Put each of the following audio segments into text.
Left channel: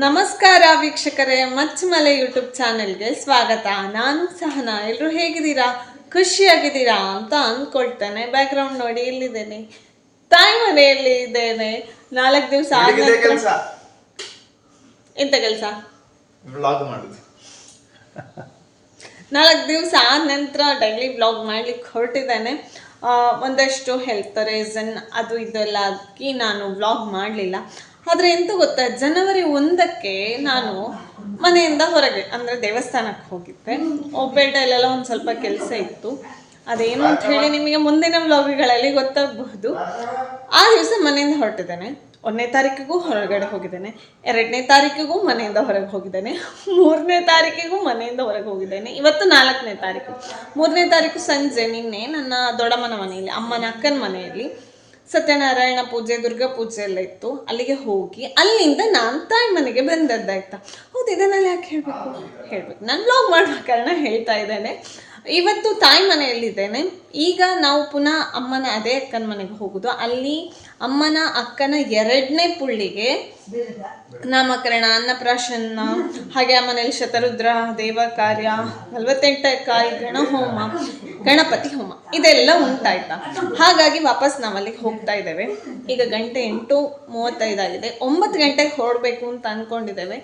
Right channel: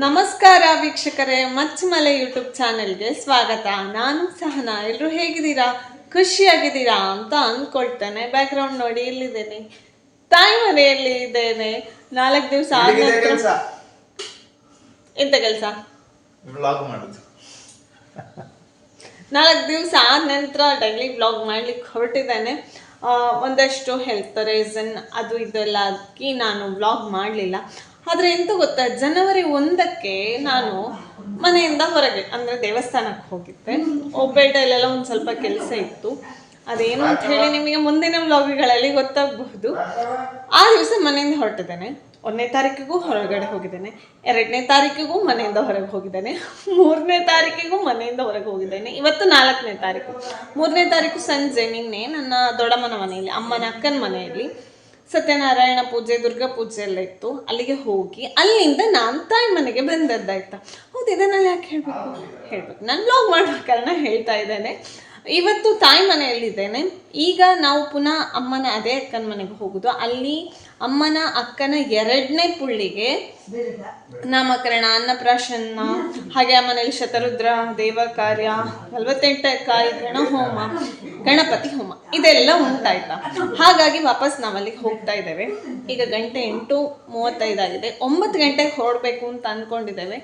ನಮಸ್ಕಾರ ವೀಕ್ಷಕರೇ, ಮಚ್ಚಮಲೆ ಯೂಟ್ಯೂಬ್ ಚಾನೆಲ್ಗೆ ಸ್ವಾಗತ. ನಾನು ಸಹನಾ. ಎಲ್ಲರೂ ಹೇಗಿದ್ದೀರಾ? ಖುಷಿಯಾಗಿದ್ದೀರಾ ಅಂತ ಅಂದ್ಕೊಳ್ತೇನೆ. ಬ್ಯಾಕ್ಗ್ರೌಂಡ್ ನೋಡಿ, ಇಲ್ಲಿದ್ದೇನೆ, ತಾಯಿ ಮನೆಯಲ್ಲಿ ಇದ್ದೇನೆ. 4 ದಿವಸ ಆದ ನಂತರ ಎಂತ ಕೆಲಸ? ವ್ಲಾಗ್ ಮಾಡುದು. 4 ದಿವಸ ಆದ ನಂತರ ಡೈಲಿ ವ್ಲಾಗ್ ಮಾಡ್ಲಿಕ್ಕೆ ಹೊರಟಿದ್ದೇನೆ. ಒಂದಷ್ಟು ಹೆಲ್ತ್ ರೀಸನ್ ಅದು ಇದೆಲ್ಲ ಆಗಿ ನಾನು ವ್ಲಾಗ್ ಮಾಡಲಿಲ್ಲ. ಆದರೆ ಎಂತ ಗೊತ್ತಾ, ಜನವರಿ 1ಕ್ಕೆ ನಾನು ಮನೆಯಿಂದ ಹೊರಗೆ ಅಂದರೆ ದೇವಸ್ಥಾನಕ್ಕೆ ಹೋಗಿದ್ದೆ. ಒಬ್ಬೆಡೆಯಲ್ಲೆಲ್ಲ ಒಂದು ಸ್ವಲ್ಪ ಕೆಲಸ ಇತ್ತು. ಅದೇನು ಅಂತ ಹೇಳಿ ನಿಮಗೆ ಮುಂದಿನ ವ್ಲಾಗ್ಗಳಲ್ಲಿ ಗೊತ್ತಾಗಬಹುದು. ಆ ದಿವಸ ಮನೆಯಿಂದ ಹೊರಟಿದ್ದೇನೆ. 1ನೇ ತಾರೀಕಿಗೂ ಹೊರಗಡೆ ಹೋಗಿದ್ದೇನೆ, 2ನೇ ತಾರೀಕಿಗೂ ಮನೆಯಿಂದ ಹೊರಗೆ ಹೋಗಿದ್ದೇನೆ, 3ನೇ ತಾರೀಕಿಗೂ ಮನೆಯಿಂದ ಹೊರಗೆ ಹೋಗಿದ್ದೇನೆ. ಇವತ್ತು 4ನೇ ತಾರೀಕು. 3ನೇ ತಾರೀಕು ಸಂಜೆ ನಿನ್ನೆ ನನ್ನ ದೊಡ್ಡಮ್ಮನ ಮನೆಯಲ್ಲಿ, ಅಮ್ಮನ ಅಕ್ಕನ ಮನೆಯಲ್ಲಿ ಸತ್ಯನಾರಾಯಣ ಪೂಜೆ, ದುರ್ಗಾ ಪೂಜೆ ಎಲ್ಲ ಇತ್ತು. ಅಲ್ಲಿಗೆ ಹೋಗಿ ಅಲ್ಲಿಂದ ನಾನು ತಾಯಿ ಮನೆಗೆ ಬಂದದ್ದಾಯ್ತಾ. ಹೌದು, ಇದನ್ನೆಲ್ಲ ಯಾಕೆ ಹೇಳಬೇಕು, ನಾನು ವ್ಲಾಗ್ ಮಾಡುವ ಕಾರಣ ಹೇಳ್ತಾ ಇದ್ದೇನೆ. ಇವತ್ತು ತಾಯಿ ಮನೆಯಲ್ಲಿದ್ದೇನೆ. ಈಗ ನಾವು ಪುನಃ ಅಮ್ಮನ ಅದೇ ಅಕ್ಕನ ಮನೆಗೆ ಹೋಗೋದು. ಅಲ್ಲಿ ಅಮ್ಮನ ಅಕ್ಕನ 2ನೇ ಪುಳ್ಳಿಗೆ ನಾಮಕರಣ, ಅನ್ನಪ್ರಾಶನ, ಹಾಗೆ ಆ ಮನೆಯಲ್ಲಿ ಶತರುದ್ರ ದೇವ ಕಾರ್ಯ, 48 ಕಾಯಿ ಗಣಹೋಮ, ಗಣಪತಿ ಹೋಮ ಇದೆಲ್ಲ ಉಂಟಾಯ್ತಾ. ಹಾಗಾಗಿ ವಾಪಸ್ ನಾವಲ್ಲಿಗೆ ಹೋಗ್ತಾ ಇದ್ದೇವೆ. ಈಗ ಗಂಟೆ 8:35 ಆಗಿದೆ. 9 ಗಂಟೆಗೆ ಹೊರಡಬೇಕು ಅಂತ ಅಂದ್ಕೊಂಡಿದ್ದೇವೆ.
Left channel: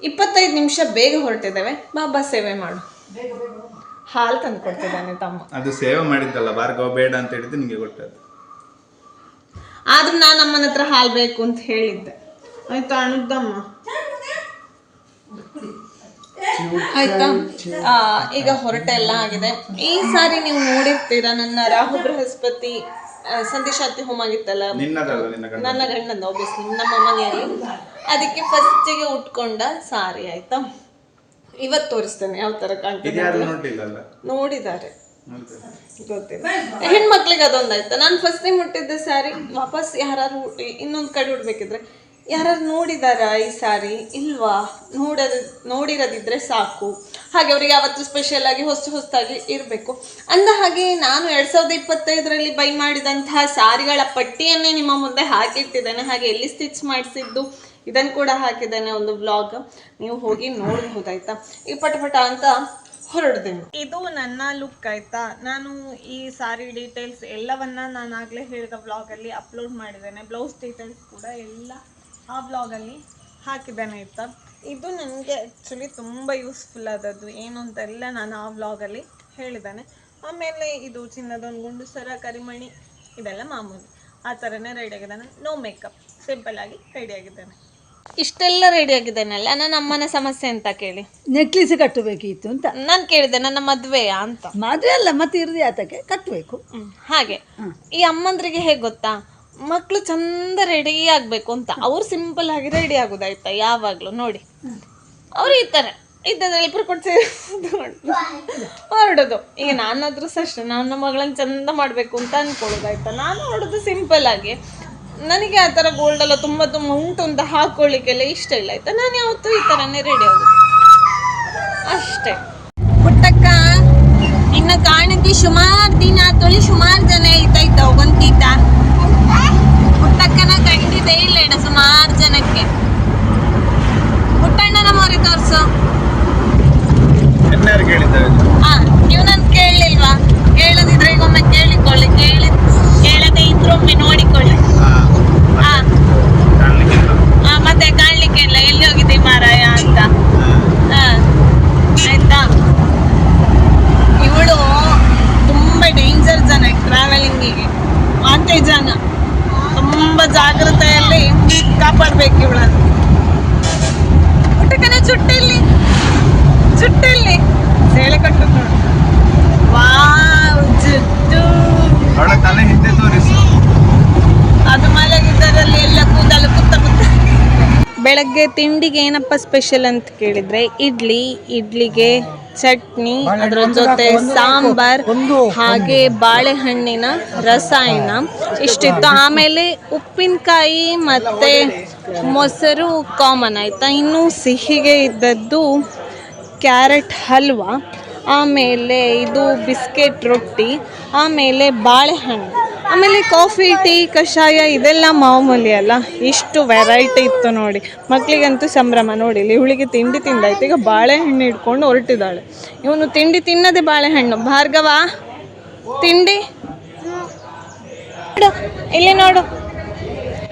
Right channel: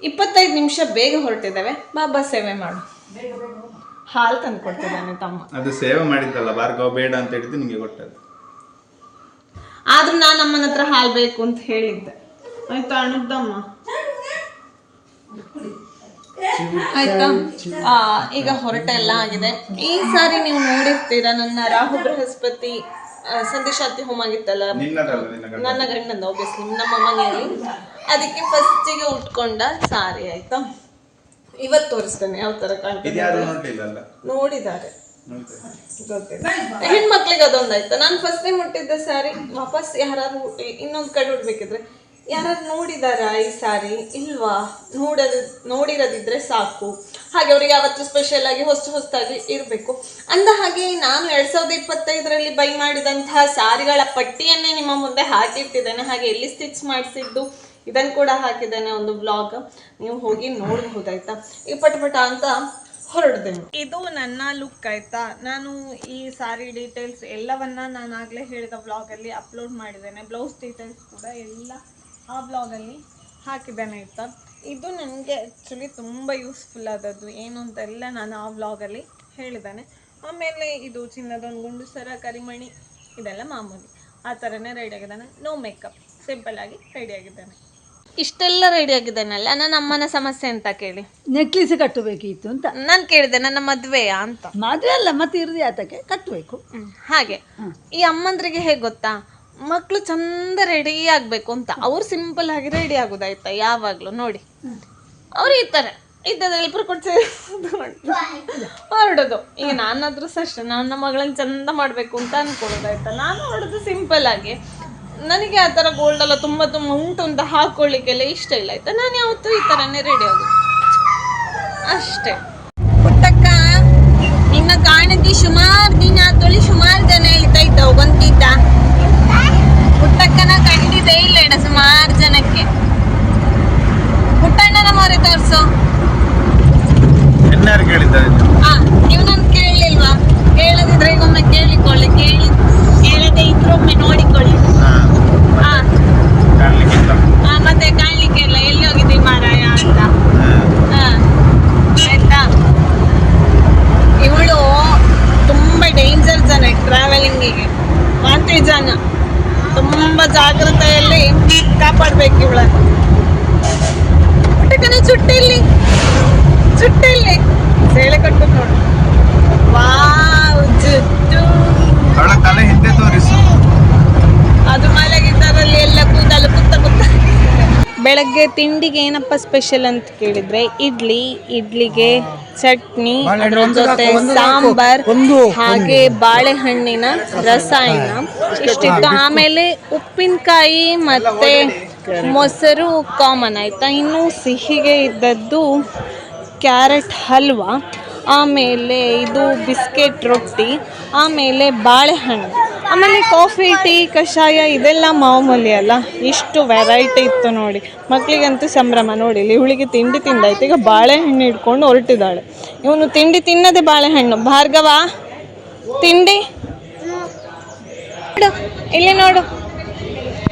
25 ನಿಮಿಷ ಬೇಗ ಹೊರಟಿದ್ದೇವೆ. ಬಾಬಾ ಸೇವೆ ಮಾಡು. ಹಾಲು ತಂದು ಕೊಡ್ತಿದ್ದಾನೆ ತಮ್ಮ. ಅದು ಸೇವೆ ಮಾಡಿದ್ದಲ್ಲ, ಭಾರ್ಗವ ಬೇಡ ಅಂತ ಹೇಳಿದ್ದು ನಿಮಗೆ ಕೊಟ್ಟದ್ದು. ಆದ್ರೂ ನಾನು ಅಮ್ಮನ ಹತ್ರ ಹಾಲು ಬೇಕು ಅಂತ ಹೇಳಿದ್ದೆ. ಆಯ್ತಾ ಅಣ್ಣದ್ದಮ್ಮ, ಆಯ್ತಾ. ಈಗ ಹೊರಟೆ ಎಲ್ಲ ಆಗಿದೆ. ಈ ಸಾರಿ ನೀವು ನೋಡಿರ್ತೀರಾ, ನನ್ನ ರಾಹು ಬೃಹಸ್ಪತಿ ಸಂದೇಶಾತಿ ಹೋಮ ಆಗಿತ್ತಲ್ಲ, ನನ್ನ ಗಂಡಂದ ಆಬ್ವಿಯಸ್ಲಿ ನಮ್ಮ ಮನೆಯಲ್ಲಿ. ಅದಕ್ಕೆ ಫಸ್ಟಿಗೆ ಉಟ್ಕೊಂಡ ಸಾರಿ ಆಯ್ತಾ. ಇವತ್ತು ತೋರಿಸ್ತೇನೆ ಯಾವ ತರ ಕಾಣ್ತದೆ. ನೋಡಿದ್ದಾರೆ, ಗೊತ್ತಿಲ್ಲ. ಹೆಣ್ಮಕ್ಳಿಗೆ ಅದೊಂದಾಯ್ತಾ. ನಾನು ಫಸ್ಟ್ ಟೈಮ್ ಮುಟ್ಟಿದ್ದೆ ಸ್ಯಾರಿ. ವಾಪಸ್ ಯಾರು ಇನ್ನೊಂದು ಕಡೆ ಉಡ್ಬೇಕಿದ್ರೆ ಯಾರು ನೋಡಿದಾರ ಈ ಸಾರಿ ಇಲ್ವಾ? ನೋಡಿರೋದಿದ್ರೆ ಸಾಕು. ಹಾಗೆ ಅವ್ರಿಗೆ ಅವತ್ತು ಸ್ಪೆಷಲ್ ಆಗಿ ಹೊಸದಾಗಿ ಇರಬೇಕು ಅಂದ ಹಾಗೆ ನಾನು 2025ರಲ್ಲಿ ಬೈ ಮಾಡಿದಂತಹ ಸಾರಿಗಳ ಪಟ್ಟಿಯನ್ನೇ ನಿಮ್ಮ ಮುಂದೆ ಹಾಕಿಟ್ಟಿದ್ದೇನೆ. ಹಾಗೆ ಎಲ್ಲಿ ಸ್ಟಿಚ್ ಮಾಡಿಸಿದ್ದು ಇದನ್ನು ಕೂಡ ಹಾಕಿದ್ದೇನೆ, ಒಂದು ವ್ಲಾಗ್. ನೀವು ಹೋಗಿ ನೋಡಬಹುದಾಯ್ತಾ. ಈಗ ಪಟ ಅಂತ ಹೊರಡ್ದೇನು. ಇದು ನನ್ನ ಲುಕ್ ಆಯ್ತಾ. ನಾನು ಈ ಸಾರಿ ಡೀಟೇಲ್ಸ್ ಎಲ್ಲವನ್ನ ನಾನು ಆಗಲೇ ಹೇಳಿದ ವ್ಲಾಗಲ್ಲಿ ಅಪ್ಲೋಡ್ ಮಾಡಿದ್ದೇನೆ. ಬ್ಲೌಸ್ ಡೀಟೇಲ್ಸ್ ಕೂಡ ಎಲ್ಲ ಆ ವ್ಲಾಗಲ್ಲಿ ಹಾಕಿದ್ದೇನೆ ಆಯ್ತಾ. ಇದು ನನಗೆ ಆ್ಯಕ್ಚುಲಿ ತುಂಬ ಯೂಸ್ಫುಲ್ ಆದದ್ದು. ಏನು ಅಂತೆಲ್ಲ ನಾನು ಆ ವ್ಲಾಗಲ್ಲಿ ಹೇಳಿದ್ದೇನೆ. ಆಮೇಲೆ ಇದು ಚಿನ್ನದೊಂದು ಗುಂಡು ಸರ, ಕರಿಮಣಿ ಇದೆಲ್ಲ ಮಾಮೂಲಿ. ಆ ಥರನೇ ರೆಡಿ ಆಗಿದ್ದಾನೆ. ನೋ ಮೇಕಪ್, ಸಿಂಪಲ್ ಆಗಿ ರೆಡಿ ಆಗಿದ್ದಾನೆ. ಇಷ್ಟೆಲ್ಲ ರೆಡಿ ಆಗಿದ್ದೇನಲ್ಲ, ನನ್ನ ಅಮ್ಮನ ಸಮಸ್ಯೆ ಅಂತ ಕೇಳಿ ನೆಕ್ಲೆಸ್ ಕಟ್ಟಬೇಕಿತ್ತು ಅಂತ ನಾನು ಕೇಳಿದೆ. ನನ್ನ ಮದುವೆಯಾ ಅಂತ. ಮದುವೆ ಅಲ್ಲ, ಮತ್ತೆ ಇರುದೇ ಆತಕ್ಕೆ ಕಟ್ಟಬೇಕು. ಹಾಗೆ ಈ ಅಮ್ಮಂದ್ರಿಗೆ ಹೇಗೆ ಗೊತ್ತಾ, ಮಕ್ಕಳು ಚಂದ ರೆಡಿ ಆಗಬೇಕು ಅಂತ ಅವ್ರು ಸಿಂಪಲ್ ಆಗಿ ರೆಡಿ ಆಗೋದಾಯ್ತಾ. ಯಾವಾಗಲೂ ನೋಡಿ ಅವ್ರು ಈ ಥರ ಇದ್ದದ್ರಲ್ಲಿ ಇಬ್ಬರು ಕೊಟ್ಟು ಹೊರಡೋದು. ಈಗ ನಾನಾದ್ರೂ ಅಷ್ಟೇ, ನನ್ನ ಮಗಳನ್ನ ಚಂದ ಮಾಡಬೇಕು ಅಂತ ಅಂದ್ಕೊಳ್ಳೋದಾಯ್ತಾ. ನಾನು ಹೊರಡೋದು ಸಿಂಪಲ್ ಆಗಿ. ನನಗೆ ಆ ಥರ ಗೋಲ್ಡೆಲ್ಲ ತುಂಬ ಉಂಟು ಅಂತ ಹಾಕೊಳ್ಳಿಕ್ಕೆಲ್ಲ ಇಷ್ಟ ಇಲ್ಲ ಆಯ್ತಾ. ನಾನು ಯಾವತ್ತೂ ಈ ಥರನೇ ರೆಡಿ ಆಗೋದು ಅಷ್ಟೇ. ಪುಟ್ಟಕ್ಕ ನಿನ್ನ ಕಾಣಿದ್ದಿ ಸುಮಾರು ದಿನ ತೊಳಿ, ಸುಮಾರು ಜನ ಹೇಳ್ತಾ ಇದ್ದವು ಗೊಂತಿದ್ದ. ಪುಟ್ಟಕ್ಕನ ಕಂಡಿದ್ದೇ ಇಲ್ಲ ಇಡ ಸುಮಾರು ಜನಕ್ಕೆ. ಪುಟ್ಟಣ್ಣನ ಮೋರಿ ತೋರ್ಸು. ನೀವು ನನ್ ಕೇಳಲಿಲ್ವಾ? ಕೇಳದಿದ್ರೆ ಈಗ ಒಮ್ಮೆ ಕೇಳಿಕೊಳ್ಳಿ, ಕೇಳದೆ ಇದ್ರು ಒಮ್ಮೆ ನೋಡಿಕೊಳ್ಳಿ. ಮತ್ತೆ ಕಾಣ್ಲಿಕ್ಕೆ ಇಲ್ಲ, ಎಲ್ಲಿ ಹೋಗಿದ್ದಿ ಮಾರಾಯ ಅಂತ. ಆಯ್ತಾ. ಇವಳು ತುಂಬಾ ಡೇಂಜರ್ ಜನ ಟ್ರಾವೆಲಿಂಗಿಗೆ. ವಾಂತಿ ಜನ, ತುಂಬಾ ಜಾಗ್ರತೆಯಲ್ಲಿ ಕಾಪಾಡ್ಬೇಕು ಇವಳನ್ನು. ಊಟಕ್ಕನ ಚುಟ್ಟಿಲ್ಲಿ ಸೇಳೆ ಕಟ್ಟು ನೋಡು. ವಾವ್, ಜುಟ್ಟು ಅದು ಮಲಗಿದ್ದರಲ್ಲಿ ಎಲ್ಲ ಕೂದಲು ಕುತ್ತ. ಬೆಳಗ್ಗೆ ತಿಂಡಿಗೆ ಏನಪ್ಪ ಸ್ಪೆಷಲ್ ಅಂತ ಕೇಳಿದ್ರೆ ಇಡ್ಲಿಗೆ ಚಟ್ನಿ, ಅದರ ಜೊತೆ ಸಾಂಬಾರ್, ಹಾಗೆ ಬಾಳೆಹಣ್ಣಿನ ರಸಾಯನ ಇಷ್ಟಿತ್ತು. ಆಮೇಲೆ ಉಪ್ಪಿನಕಾಯಿ ಮತ್ತೆ ಮೊಸರು ಕಾಮನ್ ಆಯ್ತಾ. ಇನ್ನು ಸಿಹಿಗೆ ಇದ್ದದ್ದು ಕ್ಯಾರೆಟ್ ಹಲ್ವಾ, ಆಮೇಲೆ ಇದು ಬಿಸ್ಕೆಟ್ ರೊಟ್ಟಿ, ಆಮೇಲೆ ಬಾಳೆಹಣ್ಣು. ಆಮೇಲೆ ಕಾಫಿ ಟೀ ಕಷಾಯ ಇದೆಲ್ಲ ಮಾಮೂಲಿ ಅಲ್ಲ. ಇಷ್ಟು ವೆರೈಟಿ ಇತ್ತು ನೋಡಿ, ಮಕ್ಕಳಿಗಂತೂ ಸಂಭ್ರಮ. ನೋಡಿ ಇಲ್ಲಿ ಇವಳಿಗೆ ತಿಂಡಿ ತಿಂದಾಯ್ತು, ಈಗ ಬಾಳೆಹಣ್ಣು ಇಟ್ಕೊಂಡು ಹೊರಟಿದ್ದಾಳೆ. ಇವನು ತಿಂಡಿ ತಿನ್ನದೆ ಬಾಳೆಹಣ್ಣು. ಭಾರ್ಗವ ತಿಂಡಿ ನೋಡು, ಇಲ್ಲಿ ನೋಡು.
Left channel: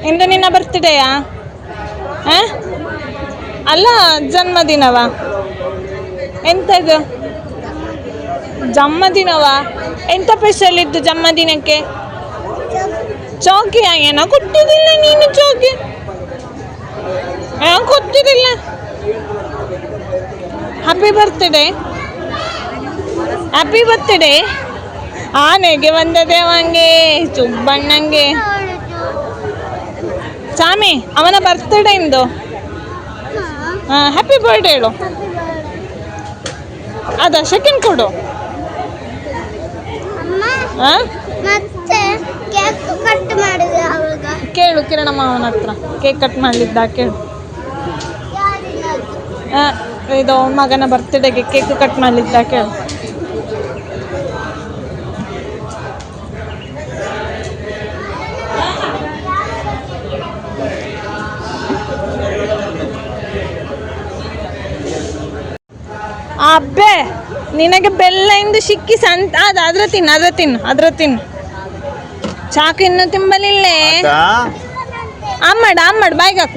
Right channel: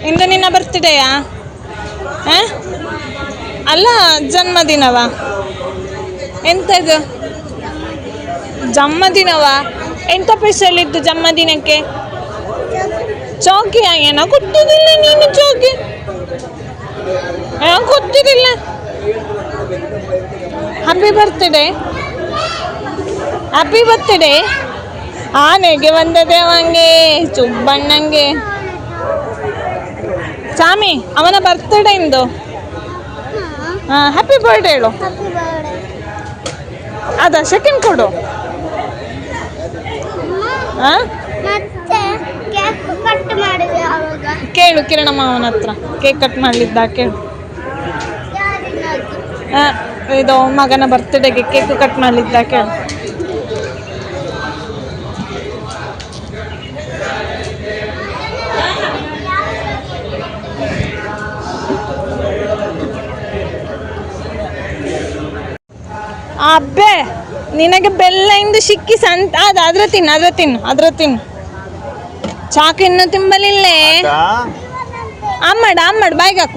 ಇಂದು ನಿನ್ನ ಬರ್ತ್ಡೇಯಾ? ಅಲ್ಲ, ಜನ್ಮದಿನವಾ? ಎಂಥದ್ದು ಜನ್ಮದಿನವಾ? ಎಂಥ ಸ್ಪೆಷಲ್ ಇತ್ತು ಜನ್ಮದಿನಕ್ಕೆ? ಚೌಕಿ ಏನೋ ಕೊಟ್ಟಿದ್ದಿಲ್ಲ ನೀನು. ಚೌಕಿ ಗೊತ್ತಿದ್ದಿಲ್ಲ. Happy birthday, happy birthday. ಆನೆಗೆ ಬಂದದೆ ಅವಂಗೆ, ಚುಬ್ಬಣ್ಣಂಗೆ. ಚಾಮಿ ಅವನ ಬರ್ತ್ಡೇ ಇಂದು. ಹ್ಯಾಪಿ ಬರ್ಡೇ ಹೇಳು. ಅದ ಸೆಕೆಂಡ್ ಕೊಡು. ಕೇಳು ಕಿರಣಮ್ಮ ಅವನ ಹತ್ರ, ಕೇಕ್ ಕಟ್ ಮಾಡಲಿದ್ದ ಕೇಳು. ಇದು ಮಗನ ಬರ್ತ್ಡೇಗೆ ಕೇಕ್ ಕಟ್ ಮಾಡಲಿದ್ದ ಕೇಳು. ಅಬ್ಬೆ ನಿನಗೆ ಬೆಲ್ಲ ಇಂದು ಸಿಕ್ಕಿ ಸಂತ ಅದ್ರ ತಿನ್ನು. ಚಾಕು ಇನ್ನು ತಿಂಬಲಿಲ್ಲೇ. ಅಮ್ಮಡ್ ಬಾಯ್ಗಾಕು.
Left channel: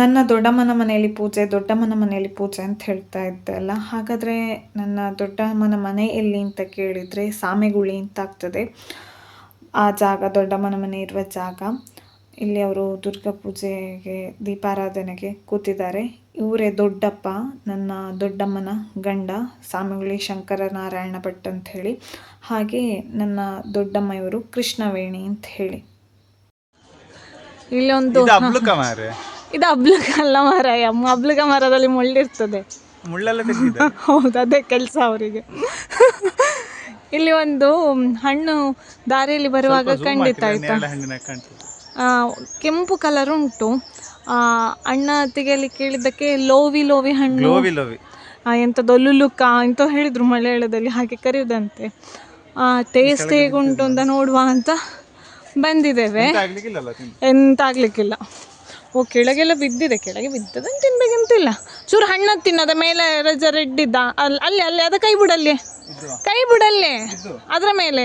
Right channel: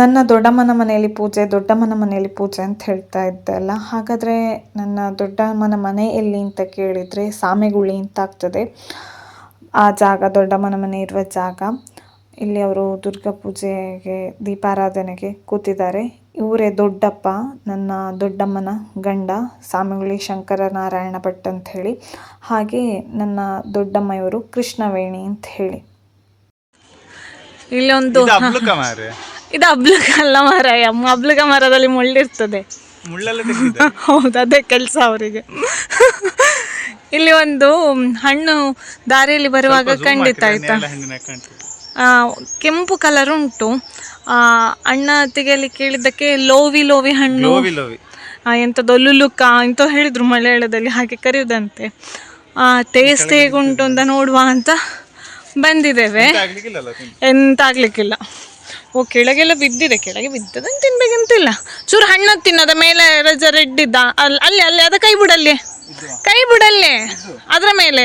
ನನ್ನ ದೊಡ್ಡಮ್ಮನ ಮನೆಯಲ್ಲಿ ಪೂಜೆ ಅಂತ ಹೇಳ್ತಾ ಇದ್ದೆ ಅಲ್ಲ. ಹಾಗಾದರೆ ನನ್ನ ದೊಡ್ಡಮ್ಮನ ಮನೆ ಎಲ್ಲಿ ಅಂತ ಕೇಳಿದರೆ ಸಾಮೆಗುಳಿ ಅಂತ ಆಗ್ತದೆ. ಆ ಜಾಗ, ದೊಡ್ಡಮ್ಮನ ಮನೆ ಇರುವ ಜಾಗ. ಇಲ್ಲಿ ಅವರು ದುರ್ಗಾ ಪೂಜೆಗೆ, ದೀಪಾರಾಧನೆಗೆ ಕೂತಿದ್ದಾರೆ. ಇವರೇ ದೊಡ್ಡಪ್ಪ, ನನ್ನ ದೊಡ್ಡಮ್ಮನ ಗಂಡ, ಸಾಮೆಗುಳಿ ಶಂಕರನಾರಾಯಣ ಭಟ್ ಅಂತ ಹೇಳಿ. ಹಾಗೆ ನನ್ನ ದೊಡ್ಡಮ್ಮ ಇವರು ಕೃಷ್ಣವೇಣಿ ಅಂತ ಹೇಳಿ. ಇಲ್ಲೊಂದು ಇದು ಅಬ್ಲುಕ ಅಲ್ಲ ಮಾರಾಯ, ಅಬ್ಲುಕ ಮರದಲ್ಲಿ ಮುಳ್ಳಿರ್ತದೆ. ಹೌದು, ಅದೇ ಕೆಲಸ ಅವರಿಗೆ. ಇಲ್ಲಿ ಒಂದು ಹಣ್ಣು ದಾರಿಯಲ್ಲಿ ಬರುವಾಗ ಖಂಡಿತ ಆಯ್ತಾ, ಕೆಂಪು ಕಲರ್ ಉಂಟು. ಅಣ್ಣ ತೆಗೆಯಲಿ ಕೇಳಿದ್ದಕ್ಕೆ ಲೋವಿ ಹಣ್ಣು, ಎಂಥದ್ದು ಲುಲುಕ ಇಂಥ ಹೇಳಿದ್ರು ಮಲಯಾಳದಲ್ಲಿ, ಹಾಗೆ ಕರೆಯುವುದಂತೆ. ಟೇಸ್ಟ್ ಹೇಗುಂಟು ಅಂತ ನೋಡುವ ಅಂತ ಬಂದಿದ್ದೇವೆ. ಎಂತ ಆಗ್ಲಿಕ್ಕಿಲ್ಲ. ಕೆಳಗೆಲ್ಲ ಬಿದ್ದಿದೆ, ಕೆಳಗೆ ಬಿದ್ದದನ್ನು ತಿನ್ಬೇಕಂತಿಲ್ಲ. ಚೂರು ಹಣ್ಣು ತಿನ್ನದ ಮೇಲೆ ರೆಡ್ ಇದ್ದ ಅಲ್ಲಿ ಅದ ಕೈ ಬಿಡಲ್ಲೇ ಅದರ ಮೇಲೆ.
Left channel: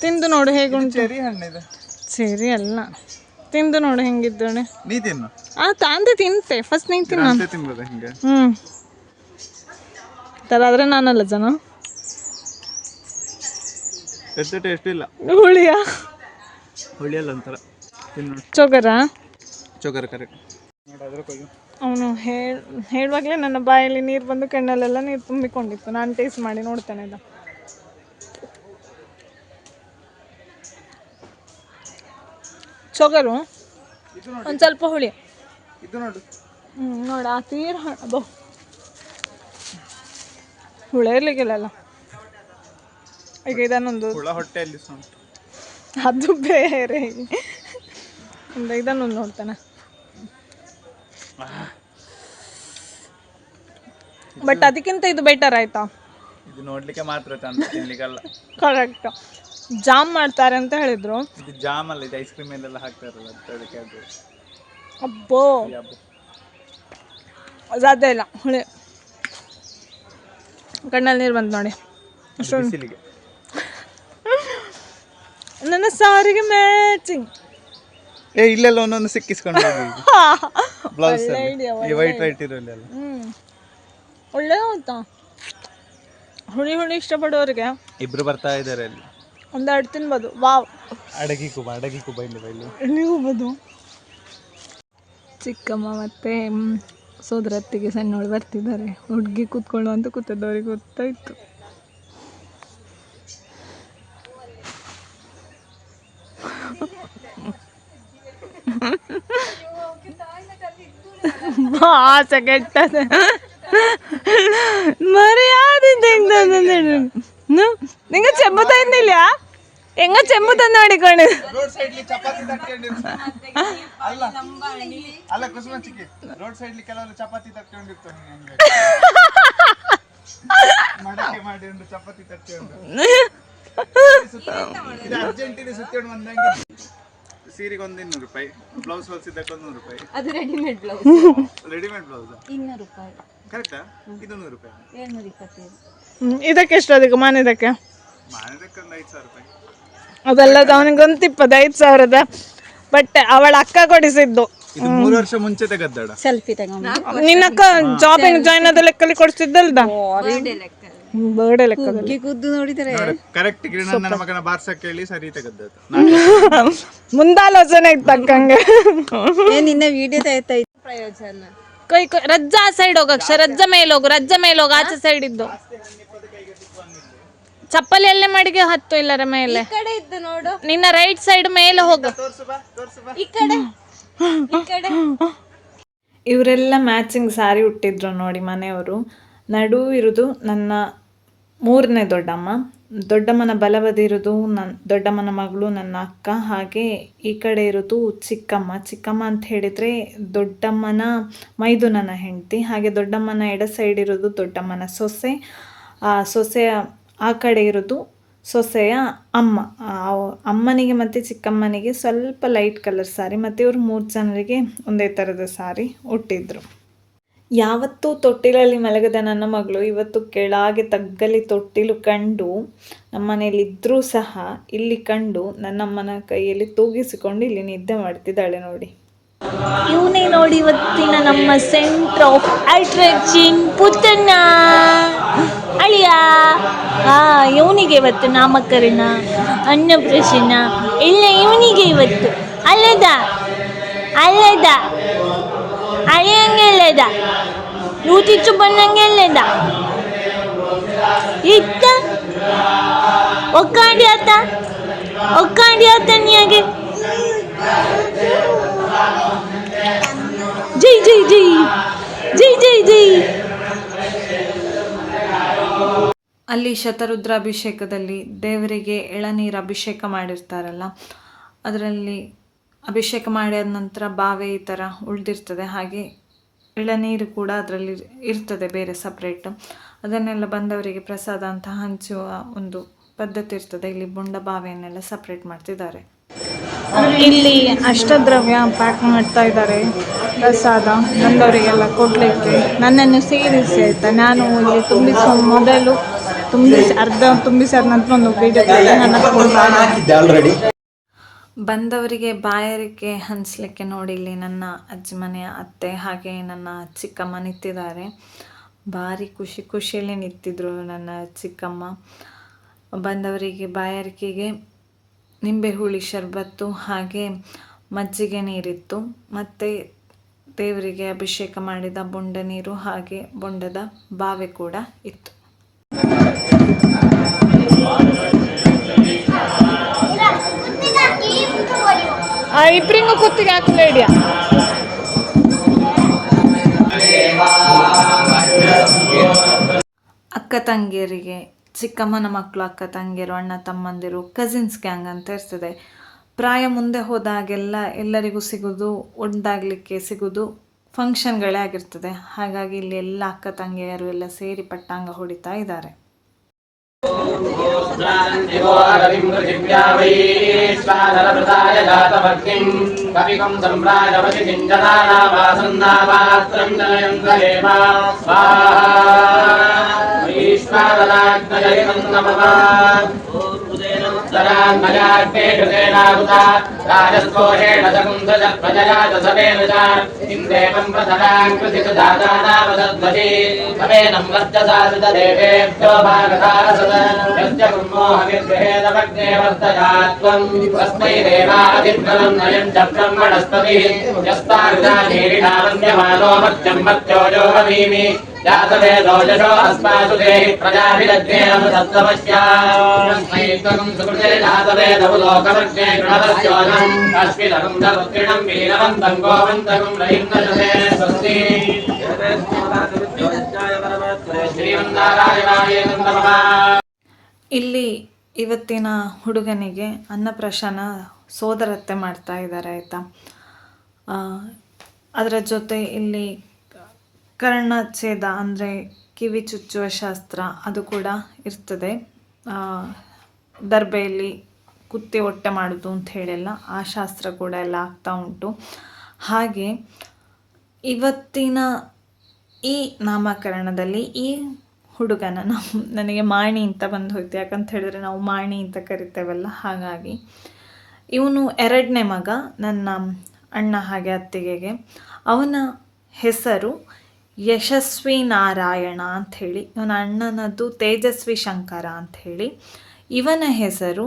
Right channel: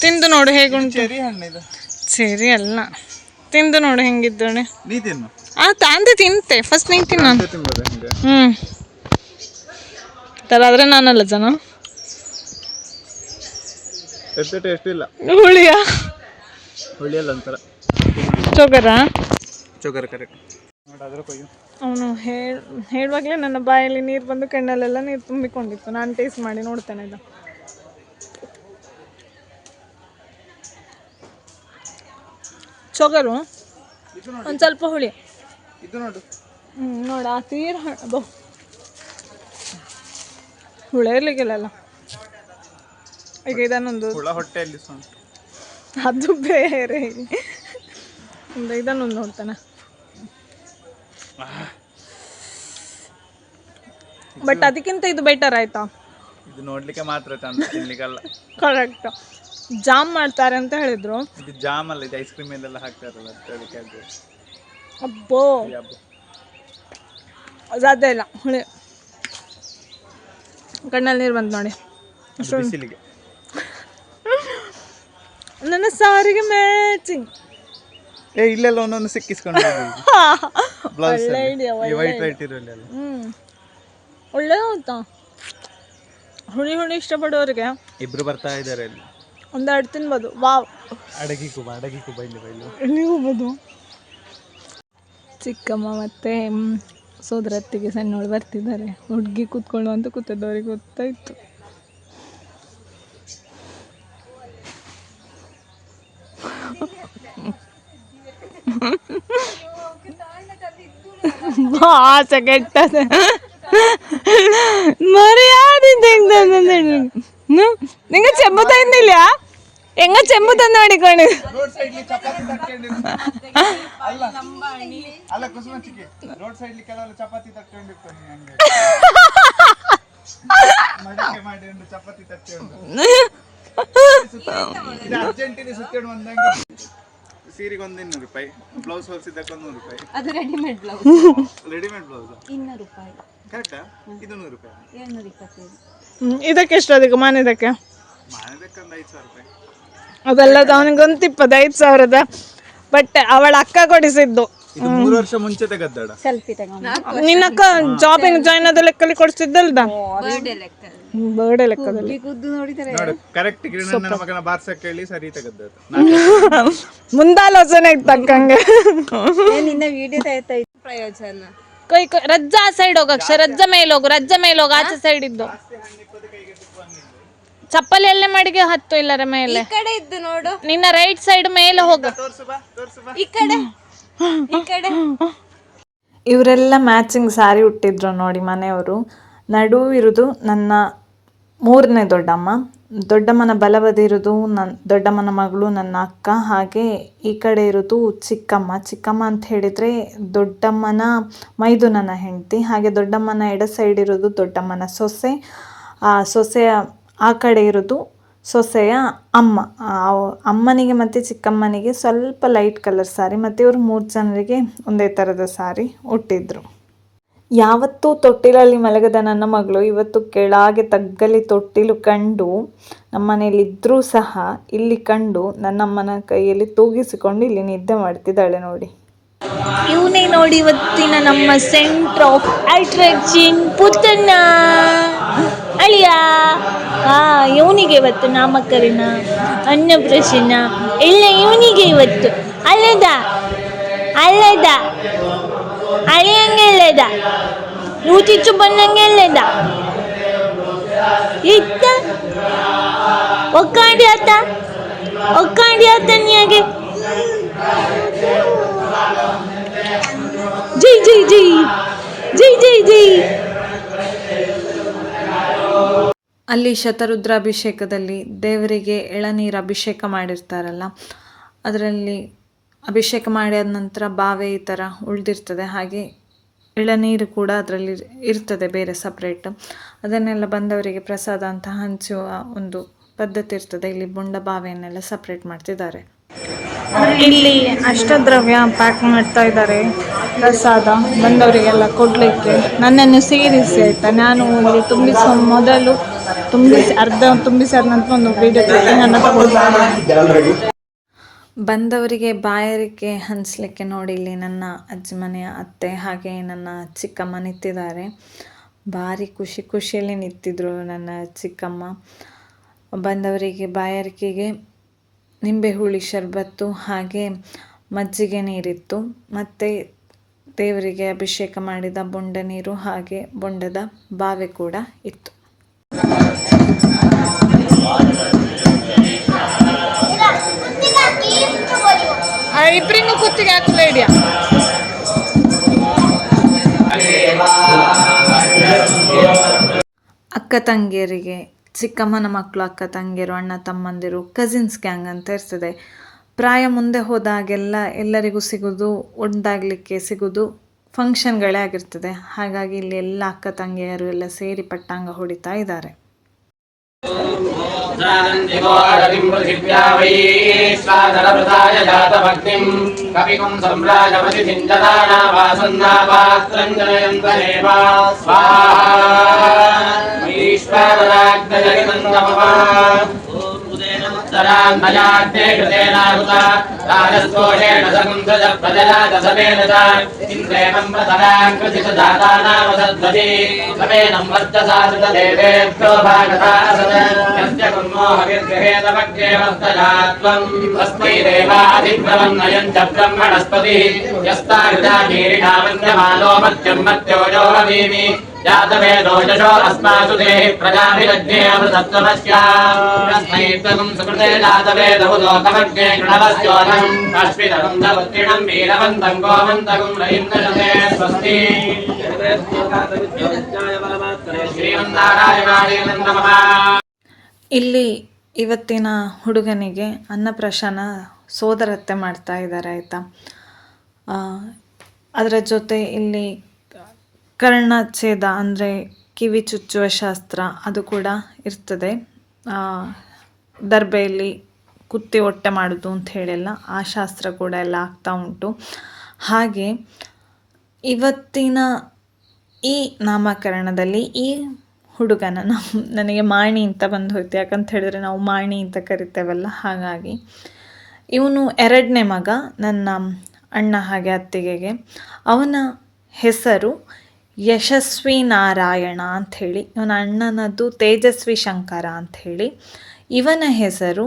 ತಿಂದು ನೋಡು ಹೇಗುಂಟು. ಸರಿ ಅಲ್ಲ, ತಿಂದು ನೋಡು ಹೆಂಗಿದ್ದೋಣೆ. ತಾಂದೆ ತಿಂತೆ, ಫಸ್ಟ್ ನೀನು ತಿನ್ನ. ಆದರೆ ನಾನಲ್ಲ ಜನ. ಹುಳಿಯಲ್ಲ ಒಂಥರ ಚೊಗರ ಕರೆಕ್ಟ್. ಅವನು ಹೇಳುವಾಗಲೇ ನನ್ನ ಬಾಯಲ್ಲಿ ನೀರು ಬಂದು ಕಣ್ಣಲ್ಲೆಲ್ಲ ನೀರು ತುಂಬಿಕೊಂಡಿತ್ತು. ನಾನು ಟೇಸ್ಟ್ ಮಾಡಿ ನೋಡ್ತೇನೆ. ಇದು ಚೊಗರು ಒಂದು ಸ್ವಲ್ಪ ಹುಳಿ. ನೋಡು ಆ ತೀರ್ ಅದು ಹುಳ ಇರ್ಲಿಕ್ಕಿಲ್ಲ. ಈಗ ಇದನ್ನೊಂದು ಹೊಟ್ಟೆಯಲ್ಲಿ ಅದು ಬೇರೆ. ಇದನ್ನೊಂದು ನೋಡ್ತಾನೆ. ಬಟ್ ಅದಕ್ಕಿಂತ ಇದು ಬೆಟರ್ ಆಯ್ತಾ? ಇದು ನೋಡ್ಲಿಕ್ಕೆ ಮಾತ್ರ ಚಂದ, ತಿನ್ಲಿಕ್ಕಲ್ಲ. ಕರೆಕ್ಟ್. ಜಾಮ್ ಮಾಡ್ತಾರೆ ಅಂತ ಹೇಳಿದ್ರು. ಇದು ಜಾಮ್ ಅಲ್ಲ, ಇದು ಐಸ್ ಕ್ರೀಮ್ ಎಲ್ಲ ಹಾಕ್ತಾರಲ್ಲ ಅದಕ್ಕೆ ಅದು ಅಬ್ಬೋ ಸಾಧ್ಯ ಇಲ್ಲ, ಹುಳಿ ಕಣ್ಣಲ್ಲಿ ನೀರು ಬಂತು ನೋಡಿ. ಬಿಸಿಲಿಗೆ ನನ್ನ ಸಾರಿಗೆ ಮ್ಯಾಚಿಂಗ್. ಇಲ್ಲೆಲ್ಲ ಒಂದೊಂದು ಸಿಕ್ಕಿಸ್ಕೊಂಡು ಬ್ಲೌಸ್ ವೈಟ್ ವೈಟ್ ಇರೋಲ್ಲ. ಒಳ್ಳೆ ಆಯ್ತಾ ಹುಳಿ ಹುಳಿ ಇಷ್ಟಪಡೋರಿಗೆ ಇಬ್ರು ಬರ್ತಾ ಇದ್ದಾರೆ ಅಲ್ಲಿ, ಒಂದೆರಡು ತಿನ್ಬೋದು. ವಾವ್, ಅಡಗಿ ಕುಬ ಎಲ್ಲಿಗೆ ಹೋಗ್ಬೋದು. ಚಿಕ್ಕಮ್ಮ ಮತ್ತು ಸೋದರತ್ತಿಗೆ ಸಣ್ಣವಳು ಬರ್ತಿದ್ದಾರೆ. ಹುಡುಗಿ ಕೂತ್ಕೊಳ್ಳು ಅಂತ ಕೂತದವ್ರಿಗೆ ಗೊತ್ತಾಯಿತು. ಆಸೆ ಕೆಟ್ಟದ ಮರ್ಯಾದೆ ನಿಂಗೆ ಚೆಂಬು ತಂದಿಲ್ಲ, ಹೆಂಗ ಚೆಂಬು ತಂದು ಮಾಡಿಕೊಂಡು ಚಪಾತಿ ಅರ್ಜೆಂಟಿನ ಸುತ್ತೇನು ಒಂದಂಗೆ ಸೀರೆಗೆ ಒಂದು 200 ರೂಪಾಯಿ, ಬ್ಲೌಸ್ ಹೊಲಿಸಿದ್ದಕ್ಕೆ 100 ರೂಪಾಯಿ. ಅದು ರೆಡಿಮೇಡ್ ಬ್ಲೌಸ್, ರೆಡಿಮೇಡ್ ಬ್ಲೌಸ್ 200 ರೂಪಾಯಿ, ಕರೆಕ್ಟಾ? ಇದು 100 ರೂಪಾಯಿ, 225. ಇದಕ್ಕೆ ಎಷ್ಟು ಅದಕ್ಕೆ ಮಾನಿದಕ್ಕೆ ಮಾನದಕ್ಕೆ ಒಂದು 5,000 ರೂಪಾಯಿ. ಅದೆಲ್ಲ ಅವನಿಗೊಂದು 25,000ದ ಬಟ್ಟೆ ಅವಳ ಅಕ್ಕ ಕೊಡಿಸಿದ್ದು. ಇದು 3 ವರ್ಷ ಮುಂಚೆ ತೆಗೆದ್ದಾಡ. ಸೆಲ್ಫಿ ತಗೊಂಡು ನಿನ್ನಕ್ಕ ಜಾಬಿಂಗ್ ಜಾಯ್ನ್ ಆದ ಲೆಕ್ಕಲ್ಲಿ ಕೊಡಿಸಿದ್ದಲ್ದ, ಬರ್ಡೇ ಲೆಕ್ಕದಲ್ಲಿ ಕೂದ್ದು ನೋಡಿದರೆ ಕರೆಕ್ಟ್ ನನ್ನ ಮಗನ ಬಾರ್ಸಕ್ಕೆ ಹೇಳಿ ಸರಿ ತೆಗೆದ್ದದ್ದು. ಮುಂದಾಲೋಚನೆ ತಕ್ಕಂಗೆ ನಿನ್ನ ವಿಡಿಯೋ ತೆಗಿತಾ ಇತ್ತು. ಪ್ರಯೋಜನ ಕೈ ರಜ್ಜಾ ಸೈಡ್ ಹೋಗಕ್ಷ, ರಜ್ಜ ಮೇಲೆ ಹೋಗು ಆಚೆ ಸೈಡ್ ಇದ್ದು. ಚಪ್ಪಲಿ ಎಲ್ಲೇ ಮಾಡಿಗೆ ಹತ್ತು ಇಲ್ಲರ ಮೇಲೆ ಕಡೆ ಇದ್ದು ನೋಡು, ನಿನ್ನ ರೈಟ್ ಸೈಡ್ ಮೇಲೆ ಹೋಗು. ಈ ಕಡೆ ಈ ಕಡೆ. ಇವರೆಲ್ಲ ಮ್ಯಾಚಿಂಗ್ ಸ್ಯಾರಿ ಉಟ್ಟಿದ್ರು ನೋಡಿ ಮನೆಯವರು. ನಡು ಇರೋದು ನನ್ನ 3ನೇ ದೊಡ್ಡಮ್ಮ, ದೊಡ್ಡಮ್ಮನ ಬಲಬದಿ ಇರೋದು ದೊಡ್ಡಮ್ಮನ ಮಗಳು ನನ್ನ ಅಕ್ಕ, ಹಾಗೆ ಈ ಕಡೆ ಇರೋದು ಚಿಕ್ಕಮ್ಮ ಅಂತ ಹೇಳಿದರೆ ದೊಡ್ಡಮ್ಮನ ಮೈದುನನ ಹೆಂಡತಿ, ಹಾಗೆ ದೊಡ್ಡಮ್ಮನ ಎಡ ಸೈಡ್ ಇರೋದು ದೊಡ್ಡಮ್ಮನ ಸೊಸೆ, ಸೊಸೆಯ ಆ ಕಡೆ ಇರೋದು ಸೊಸೆಯ ಅಮ್ಮ. ಅಮ್ಮನಿಗೆ ಮತ್ತು ಚಿಕ್ಕಮ್ಮನಿಗೆ ಸ್ವಲ್ಪ ಲೈಟ್ ಕಲರ್ ಸ್ಯಾರಿ, ಮತ್ತು ಇವರು 3 ಜನರಿಗೆ ಒಂದೇ ಥರದ ಸ್ಯಾರಿ ಉಟ್ಟಿದ್ರು. ಯಾವತ್ತೂ ತೊಟ್ಟಿಲಲ್ಲಿ ಮಲಗದ ನನ್ನ ಮಗಳು ಇವತ್ತು ಕೆಳಗೆ ತಗ್ಗಲಿ ತೊಟ್ಟಿಲು ಕಂಡು ನಮ್ಮನೇಲಿದ್ದರೂ ಸಹ ಇಲ್ಲಿ ಕಂಡು ನನ್ನಮ್ಮನ ಕೈಯಲ್ಲಿ ತೂಗಿಸಿಕೊಂಡು ಇಲ್ಲಿ ನಿದ್ದೆ ಮಾಡ್ತಿದ್ದಾಳೆ ನೋಡಿ. ಇವನೇ ನೋಡಿ ಇವತ್ತಿನ ನಮ್ಮ ಸೆಂಟರ್ ಆಫ್ ಅಟ್ರಾಕ್ಷನ್ ಪುತ್ತಣ್ಣ ಅಳಿಯ. ಇವನಿಗೆ ಇವತ್ತು ನಾಮಕರಣ, ಅನ್ನಪ್ರಾಶನ ಎಲ್ಲ ಇವನಿಗೆ ಇವತ್ತು. ಅಲ್ಲದ ಅಳಿಯಂಗೆಲ್ಲದ ನೂತಿಚ್ಚು ಬಂದಂಗೆಲ್ಲದ ಇತ್ತ ಒಕ್ಕಾಡಿ ಆತ ನೀಗೆ ಜೈ ಜೈ ಜೈ ಜೈ ಜೈ ಜೈ. ಅಲ್ಲಿ ಶತರುದ್ರಾಭಿಷೇಕದಲ್ಲಿ ದೇವರಿಗೆ ಎಳನೀರು ಅಭಿಷೇಕ ಮಾಡಿರ್ತಾರಲ್ಲ, ಅದರಲ್ಲಿ ಅಭಿಷೇಕ ಮಾಡಿದ ನಂತರ ಬಾವೆ ಈ ಥರ ಉಳಿದಿರ್ತದೆ, ಹಾಗೆ ಎಳನೀರು ಕೂಡ ಅದರಲ್ಲಿ ಇರ್ತದೆ ಬೇರೆ ಸಪ್ರೇಟ್. ಅದನ್ನೆಲ್ಲ ಬಂದವರಿಗೆ ಪ್ರಸಾದ ಅಂತ ಹಂಚುವ ಒಂದು ಪದ್ಧತಿ ಇರ್ತದೆ. ಇಲ್ಲಿ ಬೊಂಡ ಬಾವೆಯನ್ನೆಲ್ಲ ಸಪ್ರೇಟ್ ಮಾಡ್ತಿದ್ದಾರೆ. ಇಲ್ಲಿ ಅಷ್ಟದ್ರವ್ಯ ಪ್ಯಾಕ್ ಮಾಡ್ತಾ ಇದ್ದಾರೆ, ಪ್ರಸಾದ ಬಂದವರಿಗೆಲ್ಲ ಕೊಡಲಿಕ್ಕೆ. ನನ್ನನ್ನು ಸೇರಿಸಿ ಆಯಿತಾ, ನಾನು ಇಲ್ಲಿ ತುಂಬಿಸುವ ಮೊದಲು ಅರ್ಧ ತುಂಬಿಸಾದ ನಂತರ ಒಂದು ವೀಡಿಯೋ ತೆಗೆದು ನನ್ನ ತಗೊಳ್ತಾರೆ. ಬಂದವರಿಗೆ ಬಾಯಾರಿಕೆ ಹಂಚಲಿಕ್ಕೆ ನೋಡಿ ಇಲ್ಲಿ ನನ್ನ ಅಜ್ಜಿ ಮನೆಯ ಅತ್ತೆ ಹಾಗೆ ನನ್ನ ಚಿಕ್ಕಮ್ಮ ನಿಂತಿದ್ದಾರೆ. ಭಾರಿ ಖುಷಿಯಲ್ಲಿ ನಿಂತಿದ್ರು ನನ್ನ ಚಿಕ್ಕಮ್ಮ. ಬಂದವರಿಗೆ ಬಾಯಾರಿಕೆಗೆ ನಿಂಬೆ ಹುಳಿ ಶರ್ಬತ್ತು ಹಾಗೆ ಮಜ್ಜಿಗೆ ನೀರಿತ್ತು, ಮತ್ತು ದೇವರಿಗೆ ಅಭಿಷೇಕ ಮಾಡಿದ ಬೊಂಡ ನೀರು ಹಾಗೆ ಬೊಂಡದ ಬಾವೆ ಕೂಡ ಇತ್ತು. ಇಬ್ಬರಿಗೂ ಕುತ್ತಿಗೆ ಹಾಕಲ್ಲ ಹಿಡಿಯ. ಅಕ್ಕ ತಂಗಿಯರಿಗೆ, ಚಿಕ್ಕಮ್ಮನ ಮಕ್ಕಳು ಅಕ್ಕ ತಂಗಿಯರು, ಅಣ್ಣ ತಮ್ಮಂದಿರು, ಕಸಿನ್ಸ್ ಗ್ಯಾಂಗ್ ಅಂತ ಇರ್ತದೆ. ಪ್ರಾಯ ಮುಂದೆ ಹೋದಾಗೆಲ್ಲ ಎಲ್ಲರಿಗೂ ಸಿಗೋದು, ಒಂದಾಗಲಿಕ್ಕೆ ಸಿಗೋದು ಫಂಕ್ಷನ್ಗಳೇ ಆಗಿರ್ತದೆ. ಹಾಗಾಗಿ ಇಲ್ಲಿ ಎಲ್ಲ ಅಕ್ಕ ತಂಗಿಯರು ಎಲ್ಲ ಸೇರಿ ಪಟ್ಟಾಂಗ ಹೊಡಿತಾ ಇದ್ದಾರೆ. जानन्दिवो अरविं पृथिव्या वैश्वानरवृताय जातभक्तिं कविकं सम्राजमति चिञ्जदानावासन्नापात्रं जनयन्तरेव स्वाहा ईश्वरराग्नय नन्दमवा उत्तरान्मयाग्नेषुतेनाहुता राजस्तोषेण सकुन्दज प्रजया दशमेन च इन्द्रेणं प्रतरां कृतिच जातानामसद्वशी समेनं वर्चसा श्रुतदेवेभ्यो भागतासद यस्य कुर्मोहविर्गहेतवग्ने वर्तजात्वं तस्मै देवाधिभ्रमन्नयं च ब्रह्मणस्पतिः यस्तारुदानीरिणा वन्द्यमानो मत्यं मत्योजो वदीमि जातवेदोजशो अस्मासु देहि प्रजाभिरज्ञे अमृतत्वमस्यास्मै त्वं सुकृते जातवेदौ लोकमज्ञे कृणवस्योऽहम् अश्वितकं धवत्रिणं वीरवन्तं गोवन्तकं रहिन्दशते स्वस्ति ಶ್ರೀಮನ್ನಾರಾಯಣಾಯ ನಮಃ. ಇಲ್ಲಿ ಇವತ್ತಿನ ಹುಡುಗನಿಗೆ ಅನ್ನಪ್ರಾಶನ ಸೋದರತ್ತೆ ಮಾಡ್ತಾ ಇದ್ದಾರೆ ಆಯಿತಾ. ಅದರ ಜೊತೆ ಇಲ್ಲಿ ಕರ್ಣಚ್ಛೇದ ಅಂದರೆ ಕಿವಿ ಚುಚ್ಚುವ ಶಾಸ್ತ್ರ ಅದು ಕೂಡ ಇರ್ತದೆ. ದರ್ಬೆಯಲ್ಲಿ ಕುತ್ತಿ ಹೊಟ್ಟೆ ಮಾಡೋದು ಅಂತ ಹೇಳಿಲ್ಲ, ಆ ಶಾಸ್ತ್ರ ಕೂಡ ಎಲ್ಲ ಆಗ್ತಾ ಉಂಟು. ಹಾಗೆ ಇವತ್ತಿನ ಈ ನಾಮಕರಣದಲ್ಲಿ ಈ ಹುಡುಗನ ನನಗೆ ಮಾಣಿ ಅಂತ ಬಂದು ಹೋಯ್ತು. ಯಾಕಂತ ಹೇಳಿದ್ರೆ ನಾವು ಮಾಣಿ ಅಂತ ಕರಿತೇವಲ್ಲ, ಹಾಗಾಗಿ ಇವನು ಎರಡನೇ ಮಗ ನನ್ನ ಅಣ್ಣ ಹಾಗೆ ಅತ್ತಿಗೆಗೆ. ಅವನ ಹೆಸರು ಯಶಸ್ವಿ ನಾರಾಯಣ ಅಂಥೇಳಿ, ಇವನ ಅಣ್ಣನದ್ದು ತೇಜಸ್ವಿ ಶಂಕರ ಅಂಥೇಳಿ. ಇವನ ಹೆಸರು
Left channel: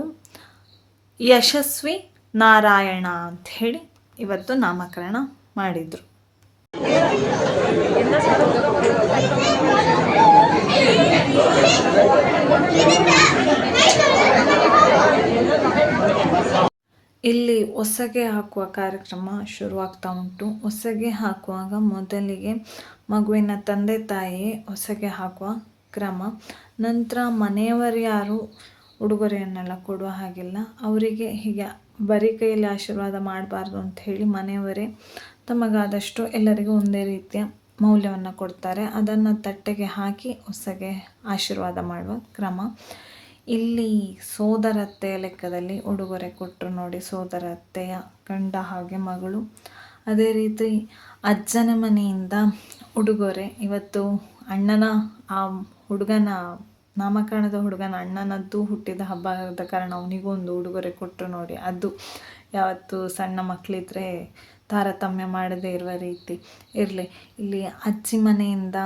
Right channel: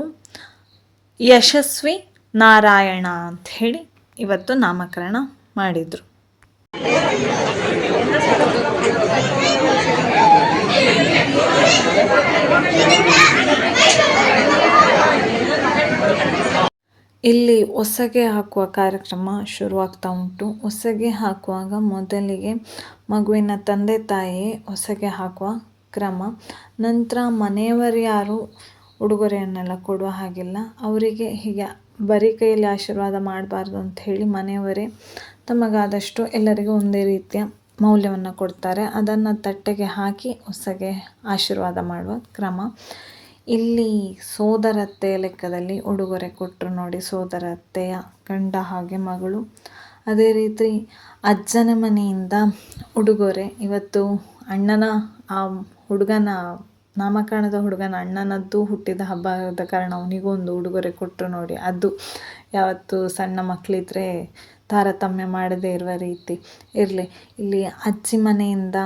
ಯಶಸ್ವಿ ನಾರಾಯಣ ಅಂಥೇಳಿ ಇವತ್ತು ನಾಮಕರಣ ಮಾಡಿದರು. ಇಲ್ಲಿ ಹೊಸಗೆ ಹಾಕುವ ಕಾರ್ಯಕ್ರಮ ಶುರುವಾಗ್ತಾ ಉಂಟು. ಹೊಸಗೆ ಹಾಕುವಾಗ ಮೊದಲಿಗೆ ಮಗುವಿನ ತಂದೆ ತಾಯಿ ಹೊಸಗೆ ಹಾಕುವ ಕ್ರಮ. ನಂತರ ಮನೆಯವರು ಯಾರು ಉಡುಗೊರೆಯನ್ನೆಲ್ಲ ಕೊಡುವ ಹಾಗಿಲ್ಲ. ಅವರಿಗೆ ಹೀಗೆ ಬರೀ ಕೈಯಲ್ಲಿ ಆಶೀರ್ವಾದ ಮಾಡಬಾರ್ದು ಅಂತ ಹೇಳಿ ಮನೆಯವರೇ ತಮಗಾದಷ್ಟು ಎಲ್ಲರಿಗೂ ಒಂದೇ ರೀತಿಯ ಮೌಲ್ಯವನ್ನು ಕೊಡ್ತಾರೆ. ಅದನ್ನು ತಟ್ಟೆಗೆ ಹಾಕಿ ಹೊಸಗೆ ಆಶೀರ್ವಾದ ಮಾಡುವ ಕ್ರಮ. ಇಲ್ಲಿ ಸೋದರತ್ತೆಯ ಲೆಕ್ಕದಲ್ಲಿ ಉಡುಗೊರೆ ಕೊಟ್ಟರು ನೋಡಿ, ಸೋದರತ್ತೆಯ ಗಂಡ ಹಾಗೆ ಮಗಳು. ಅದೇ ರೀತಿ ಅಜ್ಜನ ಮನೆಯಿಂದ ಉಡುಗೊರೆ. ಇವತ್ತು ಅಣ್ಣನ ಆ ಹುಡುಗನ ನಾಮಕರಣದ ಹುಡುಗನ ಅಣ್ಣನದ್ದು ಹುಟ್ಟಿದ ಹಬ್ಬದ ಕಾರಣ ಅವನಿಗೊಂದು ಉಡುಗೊರೆ ಕೊಟ್ಟರು ನೋಡಿ. ಅದು ಯಾವತ್ತು ಸಣ್ಣ ಮಕ್ಕಳಿದ್ರೆ ತಾರತಮ್ಯ ಮಾಡದೇ ಇರುವ ರೀತಿ ಇರಲಿ. ಇಲ್ಲಿ ಅಜ್ಜಿ ಮನೆಯಿಂದ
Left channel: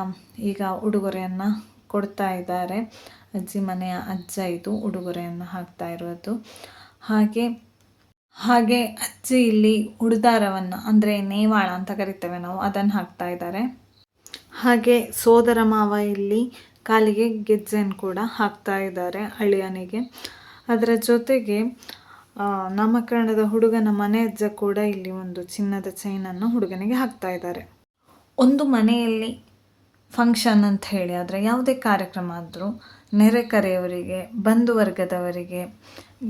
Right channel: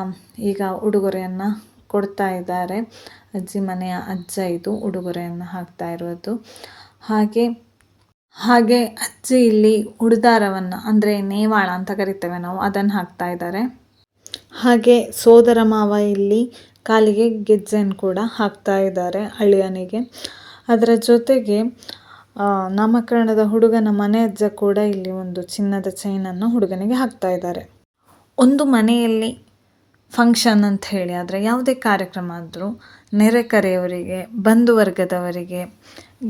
ಈಗ ಉಡುಗೊರೆಯನ್ನು ಕೊಡ್ತಾ ಇದ್ದಾರೆ. ಅಜ್ಜಿ ಮನೆಯ ಅಜ್ಜ ಇದು ಉಡುಗೊರೆಯನ್ನು ಹಾಕ್ತಾ ಇರೋದು. ಹಾಗೆ ಅಜ್ಜಿ ಇಲ್ಲಿ ಉಡುದಾರವನ್ನು ಅಂದರೆ ನೇವಾಳ ಅಂತ ಕರಿತೇವೆ ನಾವು, ಅದನ್ನು ಹಾಕ್ತಾ ಇದ್ದಾರೆ. ಹಾಗೆ ಸೋದರ ಮಾವ ಇಲ್ಲಿ ಕಾಲಿಗೆ ಗೆಜ್ಜೆಯನ್ನು ಕೂಡ ಹಾಕ್ತಾ ಇದ್ದಾರೆ ಅಳಿಯನಿಗೆ. ಅದರ ಜೊತೆಗೆ ನಾಮಕರಣದ ಹುಡುಗನ ಮನೆ ಅಜ್ಜ ಕೂಡ ಇಲ್ಲಿ ಒಂದು ಚಿನ್ನದ ಚೈನನ್ನು ಹುಡುಗನಿಗೆ ಹಾಕ್ತಾ ಇದ್ದಾರೆ. ಒಂದು ಮನೆಯಲ್ಲಿ ಫಂಕ್ಷನ್ ಅಂತ ಹೇಳಿ ಆದರೆ ಯಾವುದೇ ಕಾರ್ಯಕ್ರಮ ಆದರೂ ನೆರೆಕರೆಯವರಿಗೆ, ಬಂಧು ವರ್ಗದವರಿಗೆ,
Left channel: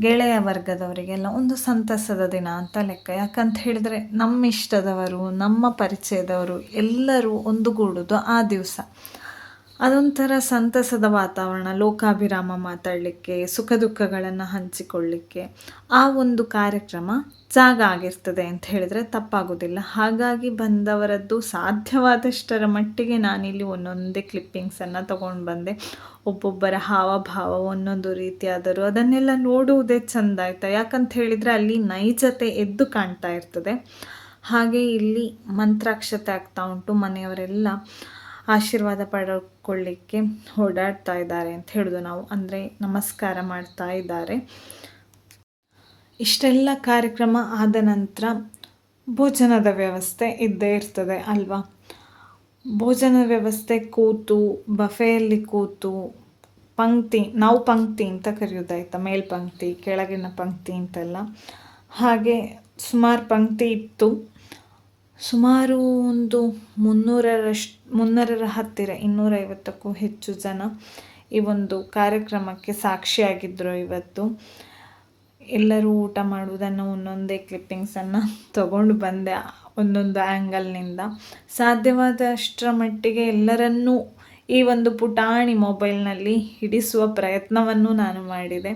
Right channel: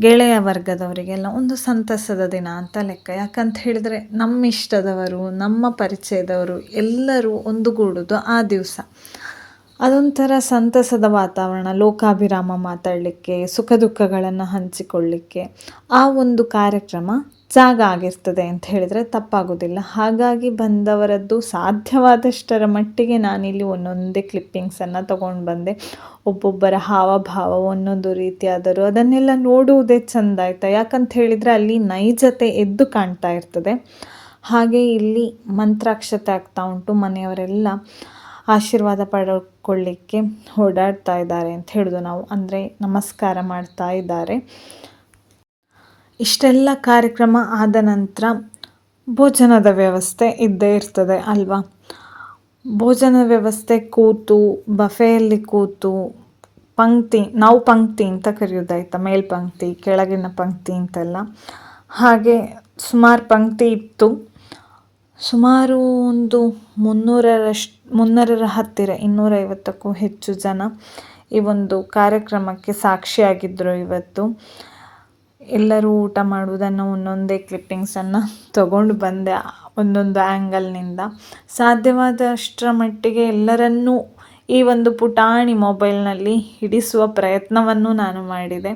ಗೆಳೆಯ ವರ್ಗದವರಿಗೆಲ್ಲ ಒಂದು ಸಂತಸದ ದಿನ ಅಂತ ಲೆಕ್ಕ. ಯಾಕಂತ ಹೇಳಿದರೆ ನಮ್ಮ ಇಷ್ಟದವರು, ನಮ್ಮ ಪರಿಚಯದವರು ಎಲ್ಲರೂ ಒಂದುಗೂಡೋದು ಆ ದಿವಸ. ಅದೊಂಥರ ಸಂತಸದ ವಾತಾವರಣ. ಲೋಕಾಭಿರಾಮ ಮಾತಾಡಲಿಕ್ಕೆ, ಸುಖ ದುಃಖಗಳನ್ನು ಹಂಚಿಕೊಳ್ಳಲಿಕ್ಕೆ ಆ ಒಂದು ಕಾರ್ಯಕ್ರಮ ಜಾಗ ಆಗಿರ್ತದೆ ಅಂತ ಹೇಳಿದರೆ ತಪ್ಪಾಗೋದಿಲ್ಲ. ಹಾಗಾಗಿ ಬಂದವರದ್ದು ಸಾಧ್ಯವಾದಷ್ಟರ ಮಟ್ಟಿಗೆ ನಾನಿಲ್ಲಿ ಒಂದೊಂದೇ ಕ್ಲಿಪ್ಪಿಂಗ್ಸನ್ನು ತೊಗೊಂಡು ಬಂದೆ. ಒಬ್ಬೊಬ್ಬರ ಹಾವಭಾವ ಒಂದೊಂದು ರೀತಿಯಾದರೂ ಅದನ್ನೆಲ್ಲ ನೋಡುವುದೇ ಚೆಂದ ಆಯಿತಾ. ಯಾಕಂತ ಹೇಳಿದರೆ ಅಲ್ಲಿ ನೈಜತೆ ಎದ್ದು ಕಾಣ್ತಾ ಇರ್ತದೆ. ಹಾಗೆ ಇಲ್ಲಿ ಮಂತ್ರಾಕ್ಷತೆ ಆಗ್ತಾ ಉಂಟು. ಮನೆಯವರೆಲ್ಲ ಆಶೀರ್ವಾದ ಪಡ್ಕೊಳ್ಳಿಕ್ಕೆ ಓಡಾಡ್ತಾ ಇದ್ದಾರೆ ಅಂತ ಹೇಳೋದು ನಾವು, ಅಂದರೆ ನಮಸ್ಕಾರ ಮಾಡ್ತಾ ಇದ್ದಾರೆ. ಇಷ್ಟೆಲ್ಲ ಕಾರ್ಯಕ್ರಮ ಆದ ನಂತರ ಭೋಜನದ ವ್ಯವಸ್ಥೆ ಇದ್ದೇ ಇರ್ತದೆ ಅಲ್ವಾ. ಭೋಜನ ವ್ಯವಸ್ಥೆ ಕೂತು ಬಫೆಯಲ್ಲಿ ಕೂತು ನಾವು ಪಂಕ್ತಿ ಅಂತ ಕರೆಯೋದಾಯ್ತಾ, ಮೇಲ್ಪಂಕ್ತಿ ಕೆಳಗಿನ ಪಂಕ್ತಿ ಅಂತೆಲ್ಲ. ಹಾಗೆ ಸುಮಾರು ಪಂಕ್ತಿ ಇತ್ತು. ಸುಮಾರು ಒಂದು 300ರ ಹತ್ತಿರ 250ಕ್ಕೂ ಹೆಚ್ಚು ಜನ ಈ ಒಂದು ಕಾರ್ಯಕ್ರಮಕ್ಕೆ ಸಾಕ್ಷಿಯಾಗಿದ್ದರು ಇವತ್ತು. ಎಲ್ಲರೂ ಊಟ ಮಾಡುವುದನ್ನು ಒಂದೊಂದೇ ಕ್ಲಿಪ್ಪಿಂಗ್ಸನ್ನು ತಗೊಂಡು ಬಂದೆ ಒಂದೊಂದು ಆ್ಯಂಗಲ್ನಿಂದ. ಸಾಧ್ಯವಾದಷ್ಟರ ಮಟ್ಟಿಗೆ ಎಲ್ಲರನ್ನೂ ಈ ಒಂದು ಪುಟಾಣಿ ಮೊಬೈಲ್ನಲ್ಲಿ ಹಿಡಿಸುವ ಪ್ರಯತ್ನವನ್ನು ನಾನು ಮಾಡಿದೆ.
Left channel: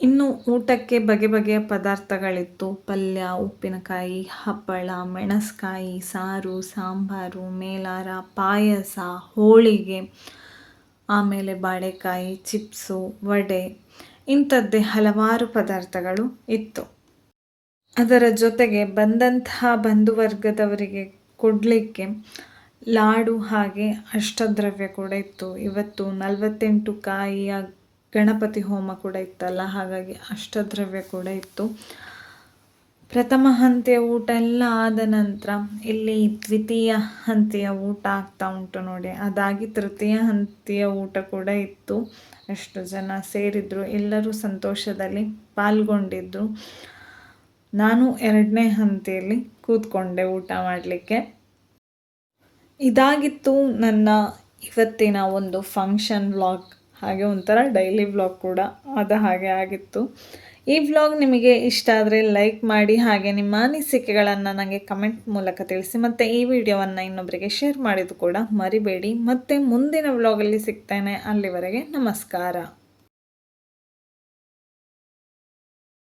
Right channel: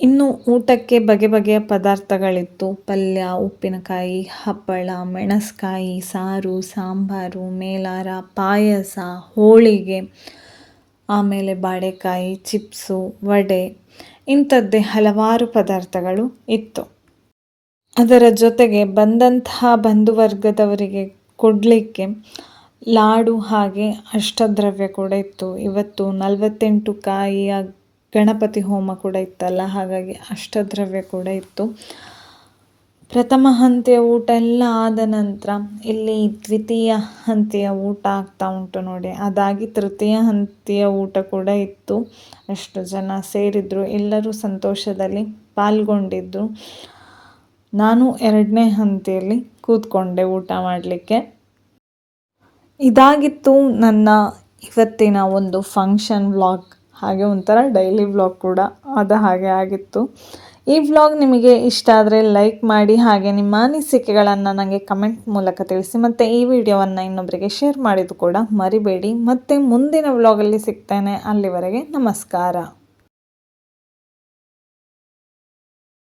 ಇನ್ನು ಊಟಕ್ಕೆ ಬಗೆ ಬಗೆಯ ಪದಾರ್ಥಗಳಿತ್ತು. ಪಲ್ಯ, ಉಪ್ಪಿನಕಾಯಿ, ಹಪ್ಪಳ, ಮೆಣಸ್ಕಾಯಿ, ಸಾರು, ಸಾಂಬಾರು, ಮೇಲಾರ, ಪಾಯಸ, ಹೋಳಿಗೆ, ಆಮೇಲೆ ಬಾಳೆಕಾಯಿ, ಚಿಪ್ಸು, ವಡೆ, ಇಂಥದ್ದೇ ಹಲವಾರು ಪದಾರ್ಥಗಳು ಇತ್ತು. ಅದರ ಜೊತೆಗೆ ಬಂದಂತಹ ಬಂಧುವರ್ಗದವರಿಗೆ ಕೊಡಲಿಕ್ಕೆ ಲಾಡು ಹಾಗೆ ಅಷ್ಟದ್ರವ್ಯ ಕೂಡ ಇತ್ತು. ಇವತ್ತು 48 ಕಾಯಿಯ ಗಣಪತಿ ಹೋಮ ಕೂಡ ಇತ್ತಲ್ಲ, ಹಾಗಾಗಿ ಅಷ್ಟದ್ರವ್ಯ ಕೂಡ ಇತ್ತು. ಪ್ರಥಮ ಹಂತಿಯ ಊಟ ಎಲ್ಲ ಆದ ನಂತರ ಇಲ್ಲಿ ದ್ವಿತೀಯ ಹಂತಿಯ ಊಟ ಆಗ್ತಾ ಉಂಟು ನೋಡಿ. ಅದಾಗಿ ತೃತೀಯ ಹಂತಿಯ ಊಟ ಕೂಡ ಇತ್ತು. ಅಷ್ಟು ಜನ ಸೇರಿದ್ರು, ಎಲ್ಲರೂ ಸಂತೋಷದಲ್ಲಿ ಪಾಲ್ಗೊಂಡಿದ್ದು. ನಾನು 2ನೇ ಹಂತಿಯಲ್ಲಿ ಕೂತ್ಕೊಂಡೆ ಊಟ ಮಾಡಲಿಕ್ಕೆ. ಇದಾಗಿತ್ತು ನನ್ನ ಇವತ್ತಿನ ಒಂದು ಫಂಕ್ಷನ್ ವ್ಲಾಗ್, ಹಾಗೆ ಒಂಥರ ಡೈಲಿ ವ್ಲಾಗ್ ಕೂಡ ಆದ ಹಾಗೆ ಆಗಿತ್ತು. ಈ ವ್ಲಾಗ್ ನಿಮಗೆ ಇಷ್ಟ ಆದರೆ ಲೈಕ್ ಮಾಡಿ, ಹಾಗೆ ನಿಮ್ಮ ಅನಿಸಿಕೆಗಳನ್ನು ನನಗೆ ಕಮೆಂಟ್ ಮೂಲಕ ತಿಳಿಸಿ. ಮತ್ತು ಈ ವಿಡಿಯೋವನ್ನು ಇನ್ನೊಬ್ಬರಿಗೆ ಶೇರ್ ಮಾಡಿದ್ದು ಕೂಡ ಮರಿಬೇಡಿ. ಮತ್ತು ಮುಂದಿನ ವ್ಲಾಗಲ್ಲಿ ಸಿಗ್ತೇನೆ. ಅಲ್ಲಿವರೆಗೆ ನಮಸ್ಕಾರ.